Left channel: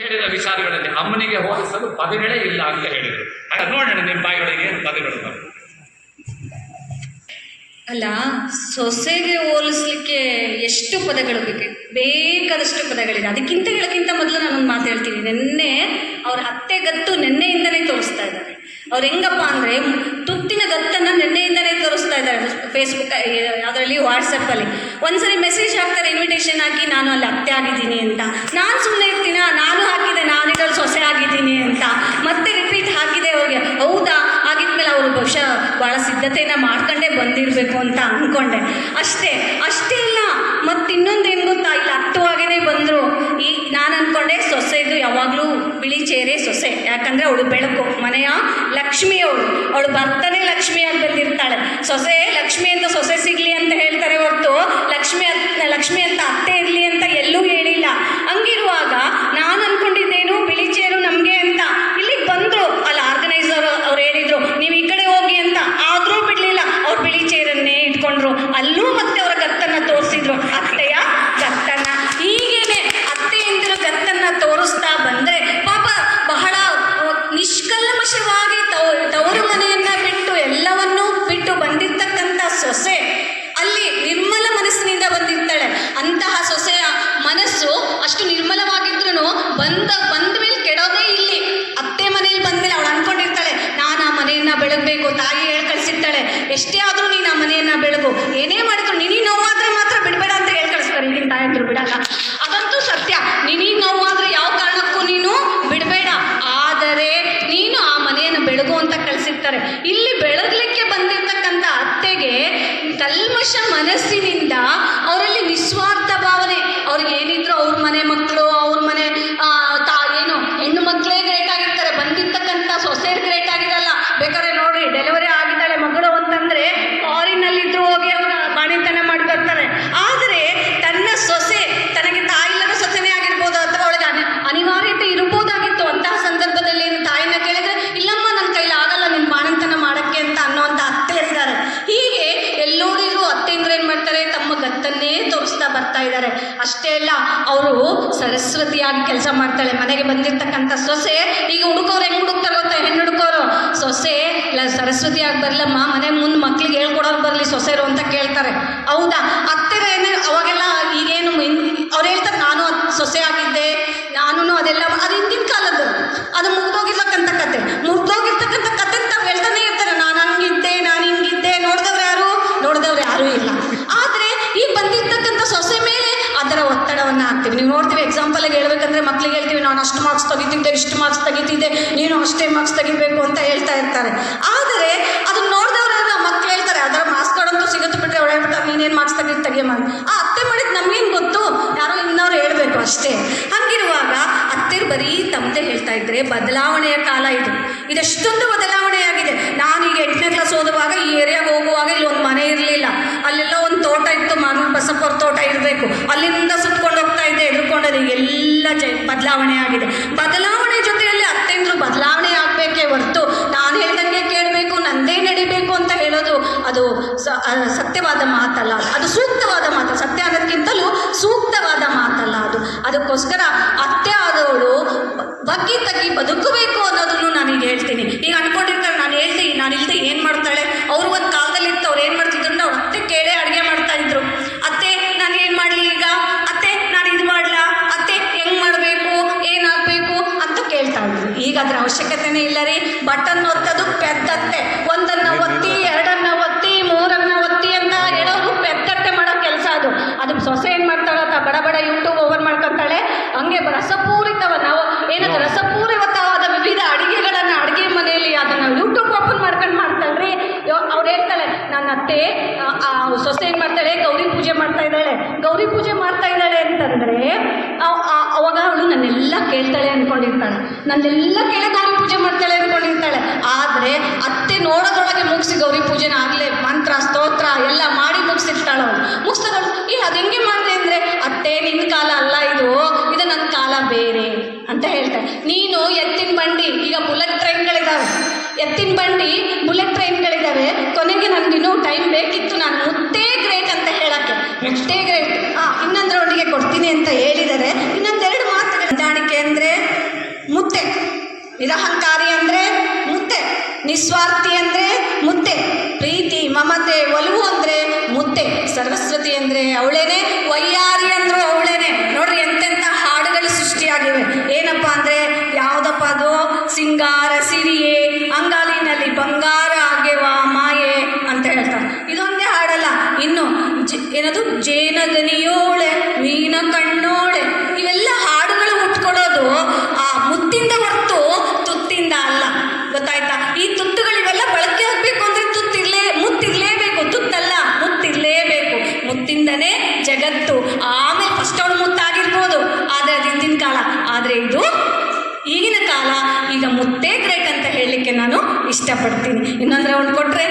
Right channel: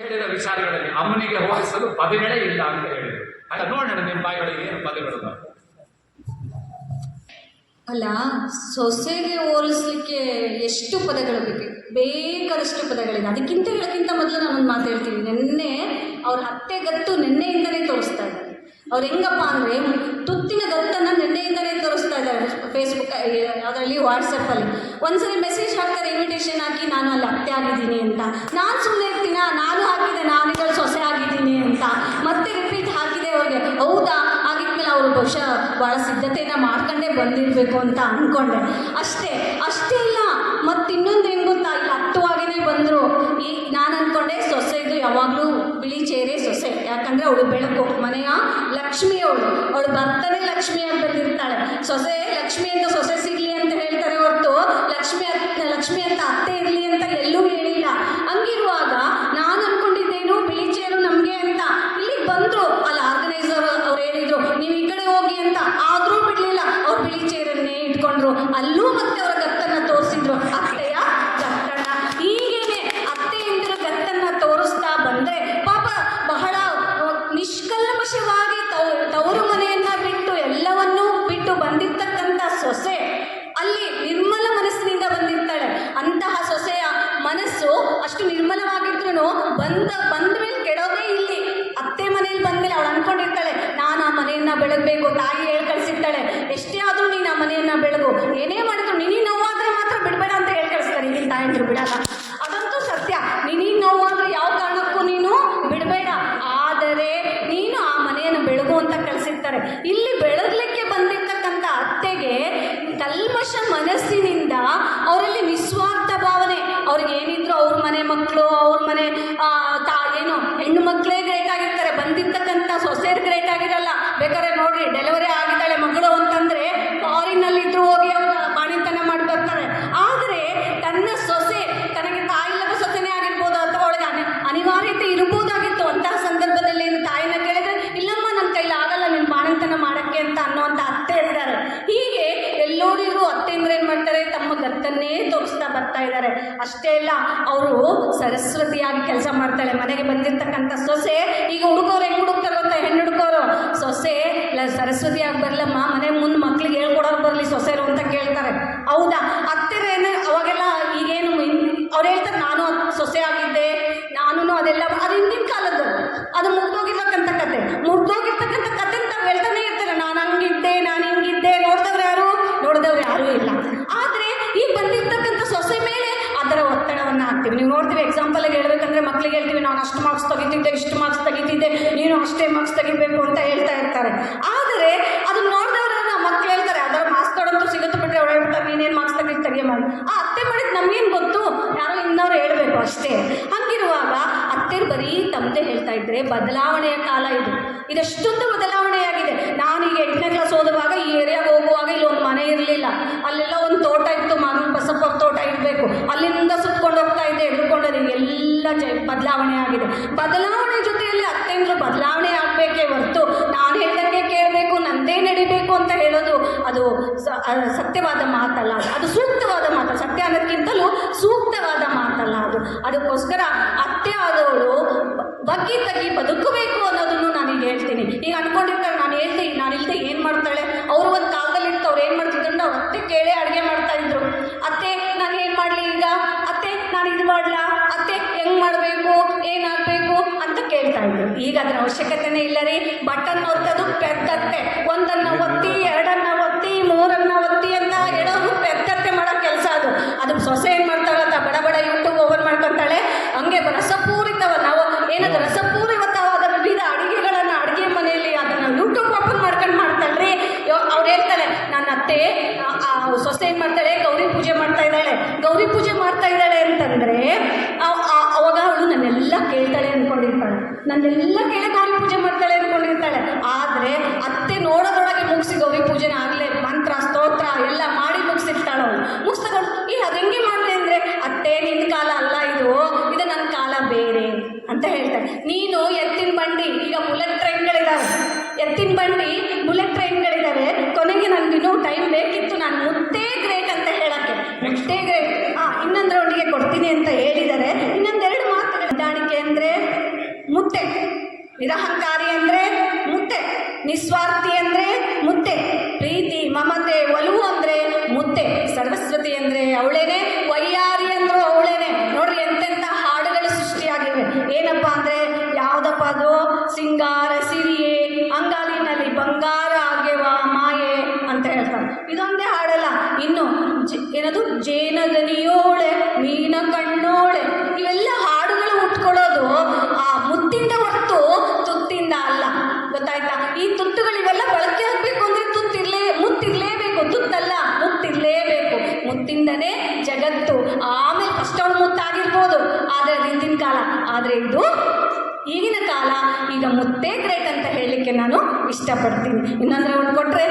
ಹೇಳಿದ ವಿಚಾರಗಳಲ್ಲಿ ಅಮ್ಮನಿಗೆ ಹೋಲಿಸಲು ಪದಗಳೇ ಇಲ್ಲ ಅಂತ ಹೇಳಿದರು. ನೋಡೋಣ ನಿಮ್ಮ ಬಾಯಿಗಳಿಗೆ ಪದಗಳು ಬಂತು. ಅಲ್ಲ, ಸೊಸೆಗೆ ಹೋಲಿಸ್ಲಿಕ್ಕೆ ಎಷ್ಟು ಪದಗಳು ಬೇಕಾದಷ್ಟು ಪದಗಳಿದೆ. ಅದಕ್ಕಿಂತ ಹೇಳೋಕ್ಕಿಂತ ಮೊದಲು ನಾನೊಂದು ಮಾತು ಹೇಳ್ತೀನಿ. ನೆನ್ನೆ ಅವ್ರ ಅತ್ತೆ ಗತ್ತು ನೆನ್ನೆಯಿಂದನೇ ತೋರಿಸ್ತಾ ಇದ್ದಾರೆ. ಅವ್ರು ಹೆಂಗಪ್ಪ ಅಂದರೆ ತುತ್ತಿನ ಗತ್ತನ್ನು ನೆನ್ನೆಯಿಂದನೇ ತೋರಿಸ್ತಾ ಇದ್ದಾರೆ. ಫೇಸ್ಬುಕ್ ಅದರಲ್ಲಿ ವಾಟ್ಸಪ್ಪಲ್ಲಿ ಒಂದ್ಸರಿ ಮೆಸೇಜ್ ಹಾಕ್ತಾರೆ, ಇನ್ವಿಟೇಷನ್ ಹಾಕಿ ನಾನು ಅಲ್ಲಿ ಅತ್ತೆ ಆಗಿದ್ದೀನಿ ಅಂತ. ನಾನು ಸುಮ್ಮನೆ ಇರ್ತೀನ, ನಾನು ಹಾಕಿದೆ ನಾನಿದ್ರಲ್ಲಿ ಸೊಸೆ ಆಗಿದ್ದೀನಿ ಅಂತ. ಮತ್ತೆ ರಿಪೀಟ್ ಹಾಕಿದೆ ಅವ್ರಿಗೆ. ಹೌದಾ, ಆಗಿದ್ಮೇಲೆ ಅವರು ಬಹುಶಃ ಭಾಳ ಸಿದ್ಧತೆಯನ್ನು ಮಾಡ್ಕೊಂಡೇ ಬಂದಿರಬೇಕು ಅಂತ ಅಂದ್ಕೊಂಡೆ. ಅಷ್ಟೇ ಅಲ್ಲ, ಮತ್ತು ಇನ್ನೊಂದೇನು ಗೊತ್ತಾ, ಇಲ್ಲಿ ಹತ್ತುವಾಗೇ ಬಂದರು. ನಾನು ಅಂದ್ಕೊಂಡೆ ಸೊಸೆದು ಯಾವಾಗಲೂ ಬಿಳಿ ಚೇರೆ ಸೊಸೆ, ಯಾಕಂದರೆ ಅವಳು ಬೆಳಕು, ಮನೆಯ ಲಕ್ಷ್ಮಿ. ಅವಳು ಬರ್ತಾನೆ ಲಕ್ಷ್ಮಿಯಾಗಿ ಬಂದಿರ್ತಾಳೆ. ಸೊಸೆ ಲಕ್ಷ್ಮಿ ಅಂತ ಸೊಸೆ ಸಿಗಲಿ ಅಂತ ಹೇಳ್ತಾರೆ ಹೊರತು ಲಕ್ಷ್ಮಿ ಅಂತ ಅತ್ತೆ ಇರಲಿ ಅಂತ ಎಲ್ಲೂ ಹೇಳಿಲ್ಲ. ಹಂಗಿರುವಾಗ ನಾನು ಅಂದ್ಕೊಂಡಿದ್ದೇನು ಬಿಳಿ ಚೇರು ನಮಗೆ ಅಂತ. ಇಲ್ಲಿಗೆ ಬಂದರು, ಅಲ್ಲಿ ಆರ್ಗನೈಸರ್ ಅವ್ರು ಹೇಳಿದರು ನೀವು ಈ ಕಡೆ ಹೋಗಿ ಅಂತ. ಆದರೂ ಬಿಡಲಿಲ್ಲ, ಅವ್ರು ಬಿಳಿ ಚೇರನ್ನೇ ಇಟ್ಕೊಂಡ್ರು. ಅಲ್ಲೂ ಮತ್ತೆ ಅವರ ಗತ್ತನ್ನು ತೋರಿಸಿದ್ರು, ಅತ್ತೆಯ ಗತ್ತನ್ನು. ಹೀಗೇನೆ ಅತ್ತೆಯಂದಿರು ಗತ್ತನ್ನು ತೋರಿಸ್ತಾ ಬಂದರೆ ಪಾಪ ಬಹಳ ನಿಷ್ಕಲ್ಮಶವಾಗಿ ತವರು ಮನೆಯನ್ನು ಬಿಟ್ಟು ಎಲ್ಲವನ್ನೂ ಬಿಟ್ಟು ಬಂದಿರ್ತಕ್ಕಂಥ ಸೊಸೆ ಅಲ್ಲಿ ನಿರ್ಮಲ ಮನಸ್ಸಿನಿಂದ ಬಂದಿರ್ತಾಳೆ. ಅಂತಹ ಸೊಸೆಯ ಮನಸ್ಸು ಅಷ್ಟು ನಿರ್ಮಲವಾಗಿದ್ರೂ ಬಂದ ಮೇಲೆ ಕೆಡೋದೇ ಇಲ್ಲಿ. ಅತ್ತೆ ಮನೆಯಲ್ಲಿ ಬಂದಮೇಲೆ ಅವಳು ಅಂದ್ಕೊಂಡಿರ್ತಾಳೆ ನಾನು ಆ ಮನೆಯನ್ನು ಬೆಳಗಬೇಕು. ತಾಯಿ ಹೇಳಿ ಕಳಿಸಿರ್ತಾಳೆ, ಎಷ್ಟೇ ಆದರೂ ನೀನು ಆ ಮನೆಯನ್ನು ಬೆಳಗು, ಏನೇ ಮಾಡಿದ್ರು ನಿನಗೆ ನೋವಾದರೆ ಮಾತ್ರ ಬಿಡಬೇಡ ಅಂತ ಹೇಳಿ ಕಳಿಸ್ತಾರೆ. ಈಗಿನ ತಾಯಂದ್ರು ಬಿಡಲ್ಲ, ಅದಂತೂ ಸತ್ಯ. ನಿನಗೆ ನೋವಾದರೆ ಯಾವ ಕಾರಣಕ್ಕೂ ನೀನು ಬಿಡಬೇಡ, ಆದರೆ ನೀನು ಆ ಮನೆಯನ್ನು ಬೆಳಗು ಅಂತ ಕಳಿಸಿರ್ತಾರೆ. ಇಲ್ಲಿ ಬೆಳಗಲಿಕ್ಕೆ ಬಂದಿರ್ತಕ್ಕಂಥ ಅತ್ತೆಗೆ ಕಲ್ಮಶ ಮನಸ್ಸಿನಿಂದ ಅವರಲ್ಲಿ ನಿಸ್ವಾರ್ಥ ಭಾವನೆ. ಅವ್ರಿಗೆ ಏನಿದ್ರು ಅವ್ರ ಮನೆ ಮಕ್ಕಳು, ಅವ್ರ ಮನೆ ಏನು ಹೆಣ್ಣು ಮಕ್ಕಳೇ ಗ್ರೇಟ್ ಆಗಿರ್ತಾರೆ, ಬಂದಿರ್ತಕ್ಕಂಥ ಸೊಸೆಯರು ಗ್ರೇಟ್ ಆಗಿರಲ್ಲ. ಬೇಕಾದ್ರೆ ನೋಡ್ರಿ, ಡೆಲಿವರಿ ಆಗಿದ್ದಾಳೆ ಮಗಳು ಅಂತಂದರೆ ಫಾರಿನಲ್ಲಿದ್ರು ಹೋಗಿ ಅವರ ಬಾಣಿತನ ಮಾಡಿ ಬರ್ತಾರೆ. ಆದರೆ ತನ್ನ ಸೊಸೆ ತನಗೆ ತಾಯಿಲ್ಲದ ಸೊಸೆನೇ ಆಗಿರ್ಬೋದು, ಅಥವಾ ಅವಳಿಗೆ ಅನಿವಾರ್ಯತೆ ಇರ್ಬೋದಾಗಿತ್ತು. ಅಂತಹ ಸಂದರ್ಭದಲ್ಲಿ ಏನು ತಾಯಿನ ಕೇಳಿದ್ರೆ ಇಲ್ಲಮ್ಮ ನನ್ನ ಕೈಲಿ ಆಗಲ್ಲ ನಿನ್ನ ಬಾಣಂತನ ಮಾಡೋಕ್ಕೆ ಅಂತ ಅನ್ನೋಂಥ ಅತ್ತೆ ಇದ್ದಾರೆ. ಹೀಗೆ ಎಲ್ಲೋಡಿದ್ರು ಅತ್ತೆಂದ್ರೆ ಏನು ಮಾಡ್ತಾರೆ, ತಮ್ಮ ಗತ್ತನ್ನೇ ತೋರಿಸ್ತಾ ಬರ್ತಾ ಇದ್ದಾರೆ. ಅಷ್ಟೇ ಅಲ್ಲ, ಅವರು ಸರಸ್ವತಿಯಾಗಿ ಕೆಲಸ ಮಾಡ್ತಾಳೆ. ಮನೆಗೆ ಬಂದಿರ್ತಕ್ಕಂಥ ಸೊಸೆ ಈಗ ಹುಡುಕೋರು ಹೆಂಗೆ ಹುಡುಕ್ತಾರೆ ಗೊತ್ತಾ, ಹೆಣ್ಣು ಹುಡುಕೋರು ಸೊಸೆ ಸರಸ್ವತಿಯಾಗಿ ಬರಲಮ್ಮ, ಮನೆ ಮುಂದೆ ಮಕ್ಳಿಗೆ ಹೇಳ್ಕೊಡೋಕೆ ಬರಲಿ ಸೊಸೆರು ಅಂತ ಕೇಳ್ತಾರೆ. ಹೌದಾ, ಅತ್ತೆರೇನು ಅವಾಗೆಲ್ಲ ಈಗೇನು ಅವ್ರು ಹೇಳ್ತಾರೆ ನಾನು ಸೊಸೆ ಆಗಿದ್ದೆ, ನಾನು ಅದೆಲ್ಲ ಅದು ಹಿಂದಿನ ಕಾಲದ್ದು, ಅದು ಮುಗ್ದೋಗಿರ್ತಕ್ಕಂಥ ಕತೆ. ಮುಗ್ದೋಗಿರ್ತಕ್ಕಂಥ ಕತೆ ಅಂತ ಹೇಳ್ತಾನೆ ಇರ್ತಾರೆ, ನಾನು ಹಂಗಿದ್ದೆ, ನಾನು ಹಿಂಗಿದ್ದೆ. ನೋಡಿದವ್ರು ಯಾರೂ ಇಲ್ಲ. ಆದರೆ ಈಗ ಬಂದಿರ್ತಕ್ಕಂಥ ಸೊಸೆ ಮೇಲೆ ಅದರ ಒತ್ತಡವನ್ನು ಹಾಕ್ತೀವಿ. ನೀವು ನೋಡ್ತೀವಿ, ಎಕ್ಸಾಂಪಲ್ಗೆ ಹೇಳ್ಬೇಕಂದ್ರೆ ಮಕ್ಳಿಗೆ ಹೇಳ್ತೀವಿ ನಾನು ಅಷ್ಟು ಮಾರ್ಕ್ಸ್ ತೆಗಿತಿದ್ದೆ, ಇಷ್ಟು ಮಾರ್ಕ್ಸ್ ತೆಗಿತಿದ್ದೆ, ನೀನು ಅಷ್ಟೇ ಮಾರ್ಕ್ಸ್ ತೆಗಿಬೇಕು ಅಂತ ಹೇಳ್ತಾ ಇರ್ತಾರೆ. ಆದರೆ ಅದನ್ನ ನೋಡಿದವ್ರು ಮಕ್ಳು ಹೇಳ್ತಾರೆ ಅದರ ಮಾರ್ಕ್ಸ್ ಕಾರ್ಡ್ ಸಿಗುತ್ತೆ ಬಿಟ್ಟರೆ ಅವ್ರು ಹೇಳ್ತಾರೆ ನೀನೇನು ಮಾರ್ಕ್ಸ್ ತೆಗಿಯಮ್ಮ. ಆ ಅತ್ತೆ ಮಾಡಿದ್ದು ನಮಗೇನು ಗೊತ್ತು, ಯಾರೋ ಇನ್ನವ್ರು ಹೇಳಬೇಕು ಅಷ್ಟೇ. ಹಂಗಿರುವಾಗ ಅತ್ತೆ ಬರೀ ತಮ್ಮದೇ ಹೇಳ್ತಾ ಇದ್ರೆ ಬದಲಾವಣೆಯ ಕಾಲ ಇದು. ಇದೆಷ್ಟೊಂದು ಬದಲಾವಣೆಯಾಗಿದೆ. ನಾನು ಈಗ 8ನೇ ಕ್ಲಾಸ್ ಓದುವಾಗ ಈ ಏರಿಯಾಗೆ ಹೋಗುವಾಗ ಇಲ್ಲಿ ಒಂದು ಮನೆ ಇರಲಿಲ್ಲ, ಅಲ್ಲೆಲ್ಲ ಒಂದು ತೋಟ ಇತ್ತು, ಮಾಮೂಲು ಬಸಪ್ಪರ ತೋಟ ಇರಬೇಕು, ಅಲ್ಲಿಂದ ಸುತ್ಕೊಂಡು ಹೋಗ್ತಾ ಇದ್ದೆ, ಎದುರ್ಕೊಂಡದ್ದು. ಎಲ್ಲ ಬದಲಾವಣೆ ಆಗಿದೆ. ಬದಲಾವಣೆ ಜೊತೆಯಲ್ಲಿ ಅತ್ತೆಂದ್ರು ಬದಲಾವಣೆ ಆಗಬೇಕೇ ಹೊರತು ನಾನು ಹೇಳ್ದಂಗೆ ಕೇಳಬೇಕು, ನಂದೇ ನಡಿಬೇಕು ಅಂತ ಹೇಳೋದು ಅದು ಸತ್ಯವಾದ ಮಾತಲ್ಲ, ಅದು ಸೂಕ್ತವಾದ ಮಾತು. ಸತ್ಯ ಅನ್ನೋದಕ್ಕಿಂತಲೂ ಸೂಕ್ತವಾದ ಮಾತಲ್ಲ ಅದು. ಅದಕ್ಕೋಸ್ಕರ ಅತ್ತೆ ಆದವಳು ಬಗ್ಗಿ ತಗ್ಗಿ ಬದುಕಬೇಕು ಅನ್ನೋದನ್ನು ನಾನೀಗ ಹೇಳ್ತೀನಿ. ಈಗ ಅನ್ಕೊಂಡಿರ್ತಾರೆ ನಾನು ಇಲ್ಲದೆ ಏನು ಮಾಡ್ತಾಳೆ. ಅವರು ಒಂದು ಕಾಲದಲ್ಲಿ ಇತ್ತು, ಅವ್ರು ಏನು ಮಾಡ್ತಿದ್ರು ನಾವು ಅತ್ತೆ ಕೇಳೇ ಅಡುಗೆ ಮಾಡ್ತಾ ಇದ್ರು. ಅತ್ತೆ ನಾನು ಏನು ಮಾಡಲಿ ಈಗ, ಅತ್ತೆ ನಾನು ಇದು ಮಾಡಲಾ, ಅತ್ತೆ ಹೆಂಗೆ ಮಾಡಬೇಕು, ಏನಾಗಬೇಕು ಅಂತ ಕೇಳ್ತಾ ಇದ್ರು. ಈಗ ಅದರ ಅವಶ್ಯಕತೆನೇ ಇಲ್ಲ ರೀ. ಬಟನ್ ಒತ್ತೋದು ಪೆದ್ದತ್ತೆ, ಒಂದನ್ನು ಒತ್ತಿ, ಎರಡನ್ನು ಒತ್ತಿ, ಮೂರನ್ನು ಒತ್ತಿ ಅಂತ ಹೇಳೋರು ಪೆದ್ದತ್ತೆ ಮಾಡೋ ಕೆಲಸ ಅದು. ಅದಕ್ಕೆ ಸೊಸೆ ಏನು ಮಾಡ್ತಾಳೆ ಅಂತ ಬಡ ಯೂಟ್ಯೂಬ್ ಓಪನ್ ಮಾಡ್ಕೊತಾಳೆ. ಹಂಗೆ ರಸಪೂರಿತವಾದ ವಿವಿಧ ಅಡುಗೆಗಳನ್ನು ಅಡುಗೆ ಮನೆಯಲ್ಲಿ ಅದನ್ನು ಯೂಟ್ಯೂಬ್ ಓಪನ್ ಮಾಡ್ಕೊಂಡು ಮಾಡ್ತಾಳೆ. ಅವ್ರು ಹೇಳ್ತಾಳೆ ನನ್ನ ಅತ್ತೆ ಸೊಸೆ ಏನು ಮಾಡ್ತಾಳೆ, ಗೌರಿ ಪೂಜೆ ಮಾಡ್ತಾ ಇದ್ದಾಳೆ ಅಂತಂದರೆ ಅವಾಗ ಅವಳು ನನ್ನೆಲ್ಲ ಕೇಳ್ತಾಳೆ ಅಂದ್ಕೊಂಡಿರ್ತಾಳೆ, ನನ್ನೆಲ್ಲ ಕೇಳಿ ಗೌರಿ ಪೂಜೆ ಮಾಡ್ತಾಳೆ ಅಂದ್ಕೊಂಡಿರ್ತಾಳೆ. ಆದರೆ ಅತ್ತೆ ನೋಡೋದ್ರೊಳಗೆ ಮುಗಿಸಿ ಗೌರಿ ಪೂಜೆನ ಆಗಲೇ ಮಂತ್ರ ಸ್ತೋತ್ರ ಎಲ್ಲ ಮಾಡಿ ಮುಗಿಸಿರ್ತಾಳೆ. ಅವಳು ಮುಗಿಸ್ತದವಳು ಇಲ್ಲ ಅದು ಹೆಂಗೆ ಮಾಡಿದೆ ಅಂದರೆ ಅತ್ತೆ ನಿನ್ನ ಕಾಲ ಅಲ್ಲ ಇದು ನನ್ನ ಕಾಲ ಬೇರೆ ಅಂತ ಹೇಳ್ತಾಳೆ. ನೀನು ಎತ್ತಿನ ಬಂಡಿ, ಈಗ ಬುಲೆಟ್ ಟ್ರೈನ್ಗಳಿದ್ದಾವೆ, ಕೊನೆಗೆ ನನಗಿನ್ನೂ ಟೈಮ್ ಬೇಕಿತ್ತು, ನಾನು ಮುತ್ತೇ ಗ್ರೇಟ್ ಅಂತ ಹೇಳೋಕ್ಕೆ. ಮುತ್ತೇ ಗ್ರೇಟ್ ಇನ್ನೊಂದು ರೌಂಡಿಗೆ ಕೊಡ್ತೀನಿ ಅಂತ ಹೇಳಿದ್ದಾರೆ. ಇನ್ನೊಂದೆರಡು ಮಾತುಗಳು. ಹೊಂದಾಣಿಕೆ ಅಂದರೆ ನಿರಹಂಕಾರಿ ಅಂದರೆ ಮುತ್ತೆ, ನಿಸ್ವಾರ್ಥಿ ಅಂದರೆ ಮುತ್ತೆ, ಪ್ರೀತಿ ಮಮತೆ ಒಲವು ಅಂದರೆ ಮುತ್ತೆ, ಸರಸ್ವತಿ ಅಂದರೆ ಅವಳೇನೆ, ವಯ್ಯಾರಿ ಅಂದ್ರು ಅವಳೇನೆ. ನೋಡ್ರಿ ಎಂತೆಂಥ ಹಾಡುಗಳು ಸೃಷ್ಟಿಯಾಗಿವೆ. ಏನಪ್ಪ ಅಂದರೆ ಯಾವುದಪ್ಪ ಅದು, ಸಿಂಗಾರ ಸಿರಿಯೇ ಅಂಗಾಲಿನಲ್ಲಿ ಬಂಗಾರ ಆಗ್ಯವ ಮಾಯೆ ಅಂತ ಹೇಳ್ತಾರೆ. ಇದೊಂದೇ ಹಾಡಲ್ಲ, ಇನ್ನು ಏನದು ಜೇನದನಿಯೋಳೆ ಮೀನ ಕಣ್ಣೋಳೆ, ಇವೆಲ್ಲ ಹಾಡುಗಳು ಹುಟ್ಕೊಳ್ಳೋದು ಆ ಮುತ್ತಿಂದ ಹೊರತು ತುತ್ತಿಂದ ಅಲ್ಲ. ಗೊತ್ತಾಯ್ತಾ? ಈ ತುತ್ತುಗಳಿವೆಲ್ಲ ಬಳಕೆ ಆಗಬೇಕು ಅಂದರೆ ಮುತ್ತಿರ್ಲೇಬೇಕು, ತುತ್ತಲ್ಲ, ಮುತ್ತಿರ್ಲೇಬೇಕು. ಮುತ್ತಿಂದನೇ ಜಗತ್ತು. ಆಮೇಲೆ ಫಸ್ಟ್ ಅವಳು ಮುತ್ತಾಗಿರ್ಬೋದು, ಆದರೆ ಅದು ಹಿಂದಿನ ಕಾಲ. ಆದರೆ ಇದು ಈಗಿನ ಕಾಲ. ಈಗ ಮುತ್ತೇ ಗ್ರೇಟ್ ಅಂತ ಹೇಳಲಿಕ್ಕೆ ನಾನು ಇಷ್ಟಪಡ್ತೀನಿ. ಇನ್ನೊಂದು ರೌಂಡ್ ಕೊಟ್ಟರೆ